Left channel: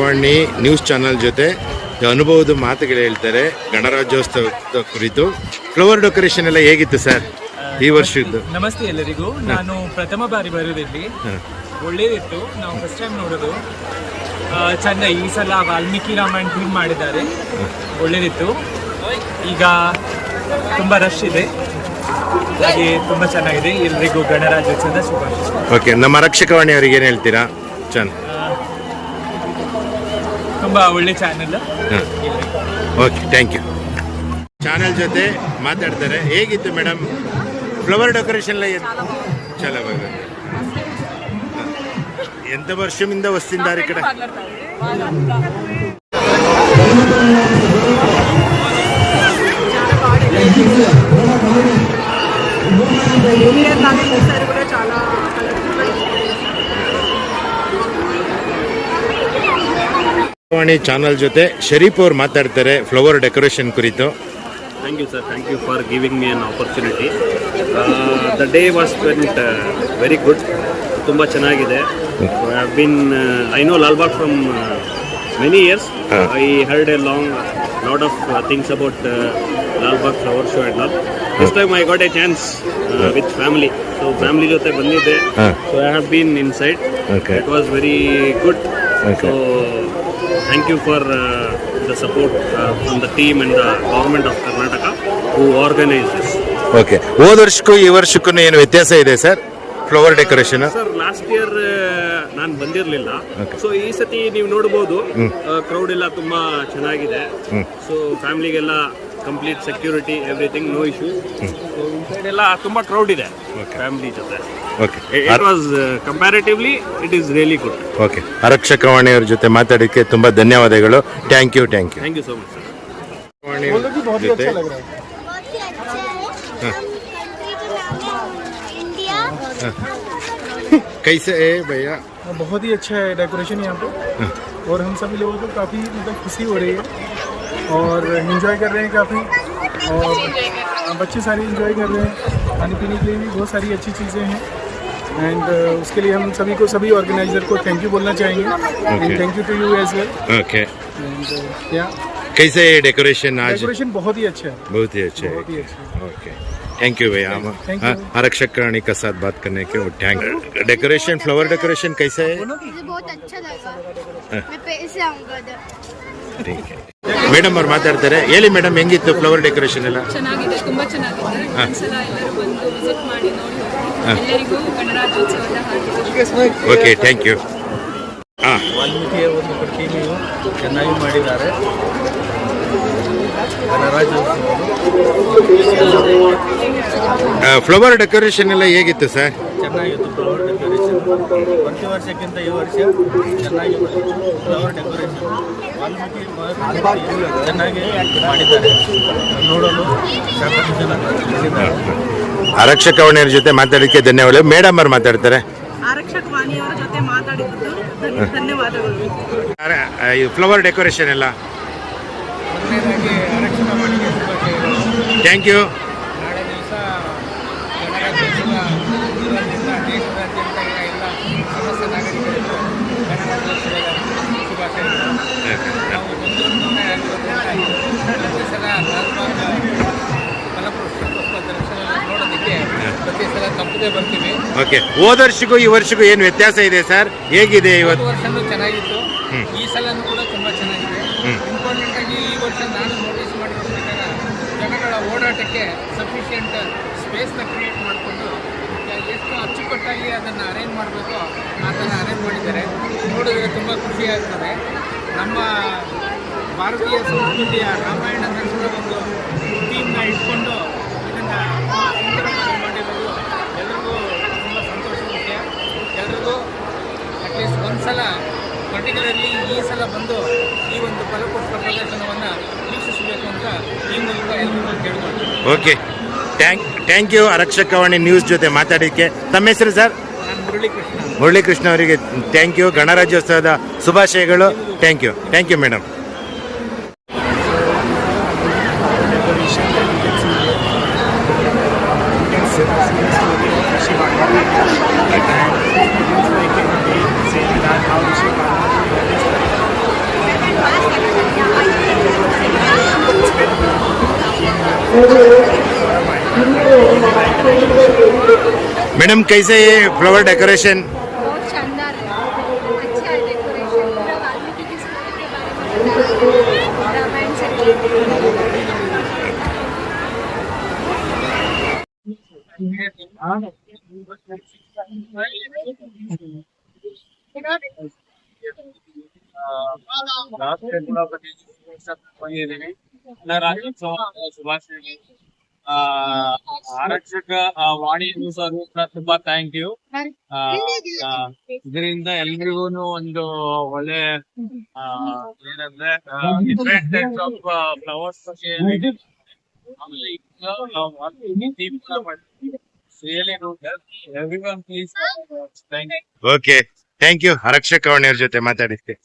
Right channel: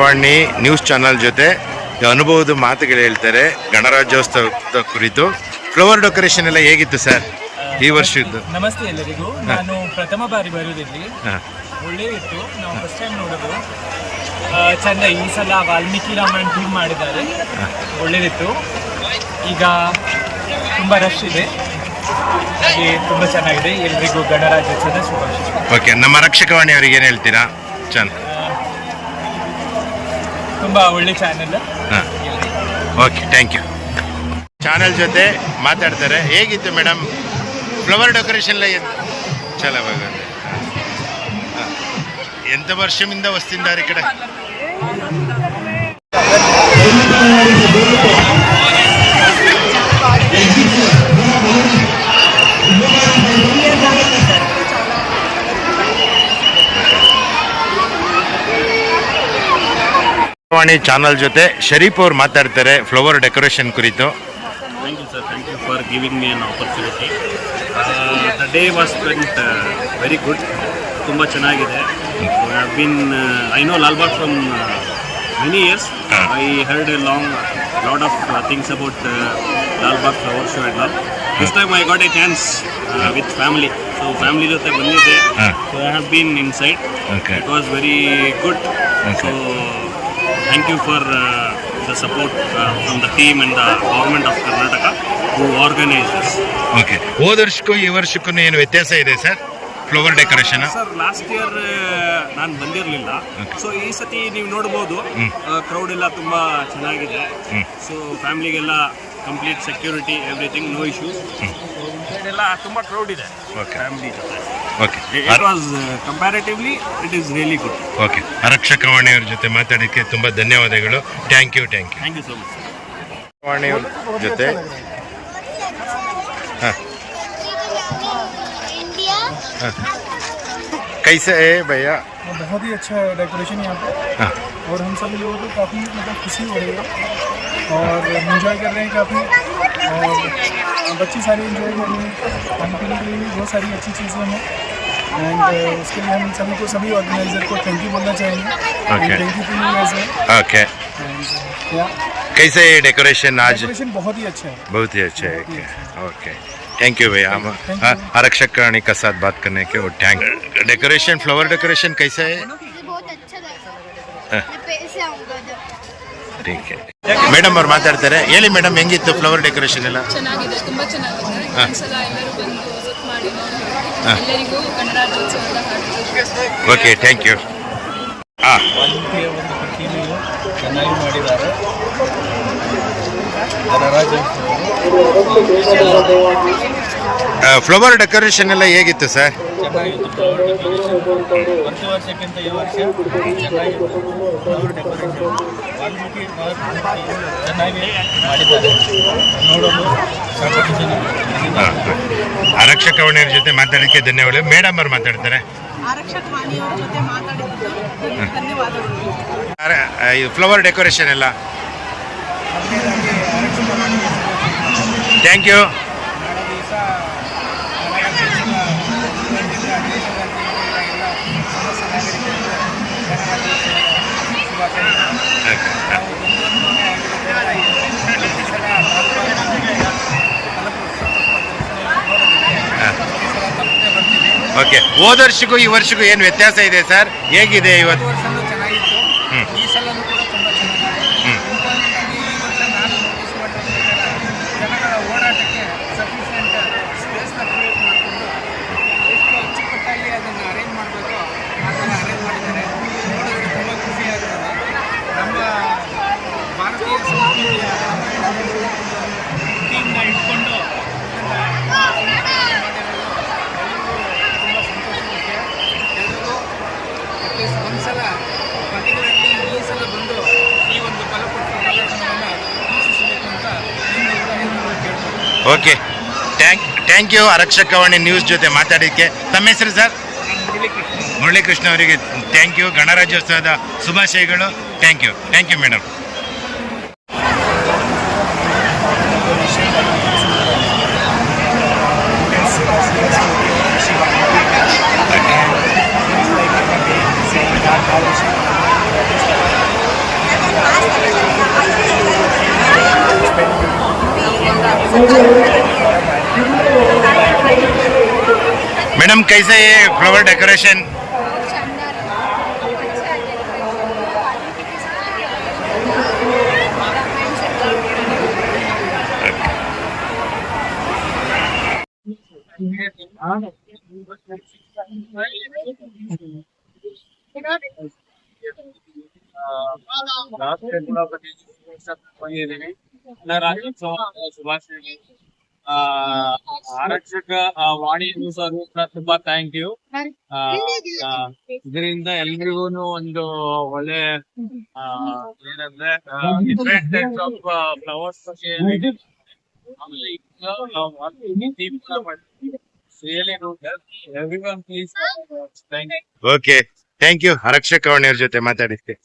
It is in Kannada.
ವಾಣಿ ನ್ಯೂಸ್ ಚಾನಲ್ ಜೊತೆ ಅನುಭವದ ಮಾತುಗಳು ಹೇಳ್ತಾರೆ ಗಣರಾಜ್ಯೋತ್ಸವದ ಕುರಿತು. ಫ್ಲವರ್ ಡೆಕೋರೇಷನ್ ಎಲ್ಲ ಹೇಗಿತ್ತು ಸರ್ ಈ ವರ್ಷದ್ದು. ನಮಸ್ತೆ ಎಲ್ಲರಿಗೂ. ನಾನು ಪ್ರಥಮ ಬಾರಿ ಬರೋದಿಲ್ಲಿ. ಒಳ್ಳೇದಿತ್ತು ನಾವು ಫಸ್ಟ್ ಟೈಮ್ ನೋಡೋದು. ಆ, ಚಂದ ಈ ಸಲ ವಾಲ್ಮೀಕಿ ರಾಮಾಯಣ ಟೀಮ್ ಮಾಡಿದ್ದಾರೆ. ಒಳ್ಳೇದಿತ್ತು. ಈಗ ತುಂಬ ರಶ್ ಇದೆ. ಹಾಗೆ ತುಂಬ ಚೆನ್ನಾಗಿದೆ. ಎಲ್ರಿಗೂ ಗಣರಾಜ್ಯೋತ್ಸವದ ಶುಭಾಶಯ. ಓಕೆ ನಮ್ಮ ರಕ್ಷಕವಾಣಿ ಅವರಿಗೆ ಏನು ಹೇಳ್ತೀರಾ? ಚನ್ ತುಂಬ ಒಳ್ಳೆ ಚಾನೆಲ್ ಹಾಂ ಓಕೆ ಥ್ಯಾಂಕ್ ಯು ಚಾನಲ್ ಜೊತೆ ಮಾತಾಡ್ತಾರೆ ಹೇಗಿತ್ತು ಮೇಡಮ್ ಫ್ಲವರ್ ಡೆಕೋರೇಷನ್ చాలా బాగుంది ఆ. ఎంత వర్షం మీద వస్తున్నారు ఇక్కడ ವಾಣಿ ಚಾನಲ್ ಜೊತೆ ಶರೀಫ್ ಅವರು ಮಾತಾಡ್ತಾರೆ ಫ್ಲವರ್ ಡೆಕೋರೇಷನ್ ಕುರಿತು. Thank you sir thank you for giving me an opportunity the day was spent very good. ತುಂಬ ಚೆನ್ನಾಗಿದೆ. Been I know Lalbagh from many years I heard a long lot of things about Lalbagh flower show of all things about I Lalbagh flower show and all. So family. ಜೊತೆ ಬಂದಿದ್ದೆ. So I have been inside it was very good good. Thank you for uh, the support uh, from the team and the government of Karnataka who organized this. Okay ಹೋದ ವರ್ಷಕ್ಕೂ ಈ ವರ್ಷಕ್ಕೂ ಏನು ವ್ಯತ್ಯಾಸ ಇದೆ sir flower decoration sir last year ನಾನು ಬಂದಿರಲಿಲ್ಲ. ಸೊ ಈ ಸತಿ ನೀವು ನೋಡ್ಬೋದು ಕ್ರೌಡ್ ಎಲ್ಲ ತುಂಬಾ ಚೆನ್ನಾಗಿದೆ so ಫ್ಯಾಮಿಲಿಗೆಲ್ಲ Complete security everything no issues so inside ಎಲ್ಲ ತುಂಬಾ ಕ್ರೌಡ್ ಇದೆ Okay. ಫ್ಯಾಮಿಲಿ ಜೊತೆ okay it was comparatively it is really good okay ಆರಕ್ಷಕವಾಣಿಯವ್ರ ಜೊತೆ ಮಾತಾಡೋಕ್ಕೆ ತುಂಬ ಧನ್ಯವಾದಗಳು thank you thank you thank you so much sir ವಾಣಿಯವ್ರ ಜೊತೆ बहुत ही अच्छा है हाँ। कंट्री का नाम है इंडिया ಕೈಸೆ ಏ ಭಯ್ಯ बहुत ही अच्छा है डेकोरेशन यहाँ पे हाँ। और हम सभी लोगों को काफ़ी मतलब खुशी हो रही है और इन्जॉय कर रहे हैं काफ़ी। और बच्चे सारे इन्जॉय कर रहे हैं। खाने पीने के लिए भी बहुत सारी अच्छी चीज़ें हैं। एंड उसके लिए हम सभी को सभी ऑर्गेनाइजर को थैंक यू बोलना चाहेंगे। Thank you to you as well okay and कैसे डेकोरेशन आज? डेकोरेशन बहुत ही अच्छा है। बहुत ही अच्छा है। ओके थैंक यू भैया। हम हाँ. आरक्षक रानी का साथ बात करने के और थैंक डेकोरेशन फ्लावर डेकोरेशन कैसा है? बहुत अच्छा लगा। ಮೇಡಮ್ ಅವ್ರು ಮಾತಾಡ್ತಾರೆ. ಹೇಳಿ ಮೇಡಮ್ ಹೆಂಗಿತ್ತು ಫ್ಲವರ್ ಡೆಕೋರೇಷನ್ ಎಲ್ಲ? ಚೆನ್ನಾಗಿದೆ ತುಂಬಾ ಚೆನ್ನಾಗಿದೆ. ಎಲ್ಲರೂ ಬಂದು ಮಾಡಿ ನೋಡಿ ಓಕೆ ಥ್ಯಾಂಕ್ ಯು ವಾಲ್ಮೀಕಿಯ ಒಂದು ಪ್ರತಿಮೆಯು ಚೆನ್ನಾಗಿ ಮಾಡಿದ್ದಾರೆ. ಫ್ಲವರ್ ಡೆಕೋರೇಷನ್ ಎಲ್ಲ ಹೇಗಿತ್ತು ಸರ್? ಚೆನ್ನಾಗಿತ್ತು ಫ್ಲವರ್ ಡೆಕೋರೇಷನ್ ಪ್ರತಿ ವರ್ಷಕ್ಕಿಂತ ಈ ವರ್ಷ ಚೆನ್ನಾಗಿ ಬಂದಿತ್ತು. ಫ್ಲವರ್ ಡೆಕೋರೇಷನ್ ವಾಲ್ಮೀಕಿ ಚೆನ್ನಾಗಿ ಮಾಡಿದ್ದಾರೆ. ನೋಡಲು ಸಾಕಷ್ಟು ಜನ ಬಂದಿದ್ದಾರೆ. ಆರಕ್ಷಕ ವಾಣಿಯವ್ರ ಜೊತೆ ಮಾತಾಡೋಕ್ಕೆ ಧನ್ಯವಾದ ಮೇಡಮ್ ಅವ್ರು ಮಾತಾಡ್ತಾರೆ. ಆರಕ್ಷಕ ವಾಣಿಯವರ ಜೊತೆ ಮಾತಾಡಿದ್ದು ಧನ್ಯವಾದಗಳು. ಫ್ಲವರ್ ಡೆಕೋರೇಷನ್ ಎಲ್ಲ? ಥ್ಯಾಂಕ್ ಯು ಓಕೆ ಹೋದ ವರ್ಷಕ್ಕೂ ಈ ವರ್ಷಕ್ಕೂ ಏನು ವ್ಯತ್ಯಾಸ ಇದೆ ಸರ್? ಹೇಗಿದೆ ಇವತ್ತು? ಸಫಿಷಿಯೆಂಟ್ ಸ್ಪೇಸ್ನ ಕ್ರಿಯೇಟ್ ಮಾಡಿಕೊಂಡು ಎಷ್ಟು ಅಚ್ಚುಕಟ್ಟಾಗಿ ಅದನ್ನು ಅರೇಂಜ್ ಮಾಡಬೇಕು ಅದನ್ನು ಅರೇಂಜ್ ಮಾಡಿದ್ದಾರೆ. ನೋಡಿದ್ರೆ ತುಂಬ ಖುಷಿಯಾಗ್ತದೆ ನಮ್ಮ ಭಾರತೀಯ ಸಂಸ್ಕೃತಿಯ ರಾಮಾಯಣದ ದರ್ಶನ ಒಂದು ಟೀಮ್ನ ಇಟ್ಕೊಂಡು ಇದನ್ನು ಸುಂದರವಾಗಿ ಮಾಡಿರೋದು ಎಲ್ಲರಿಗೂ ತುಂಬ ಸಂತೋಷ ವಿಷಯ ಎಲ್ಲರಿಗೂ ಅಟ್ಲೀಸ್ಟ್ ಒಂದು ಸಲ ಪರ್ಟಿಕ್ಯುಲರ್ಲಿ ಈ ಸಲ ಬಂದು ಈ ಒಂದು ಕಲಪುಷ್ಪ ಪ್ರದರ್ಶನವನ್ನು ವೀಕ್ಷಿಸಬೇಕು ಅಂತ ಈ ಮೂಲಕ ಎಲ್ಲರೂ ಕೇಳ್ಬೋದು okay. Thank thank you Arakshakavani news ಜೊತೆ ಮಾತಾಡಿದ್ದಕ್ಕೆ. ತಮ್ಮ ಹೆಸರು ಸರ್ ಮುರಳಿಕೃಷ್ಣ. ಅವರಿಗೆ ಥ್ಯಾಂಕ್ ಯು ಗಣರಾಜ್ಯೋತ್ಸವದ ಶುಭಾಶಯಗಳು. Thank you thank you madam madam कैसे ये फ्लावर डेकोरेशन बहुत ಆರಕ್ಷಕ ವಾಣಿಯನ್ನು ತುಂಬಾ ಥ್ಯಾಂಕ್ ಯು ಇದರಿಂದ ಎಲ್ರಿಗೂ ಒಂದು ಒಳ್ಳೆ ಏನಂದ್ರೆ flowers you okay thank you ಆರಕ್ಷಕ ವಾಣಿಯವ್ರ ಜೊತೆ ಮಾತಾಡಿದ್ದೆ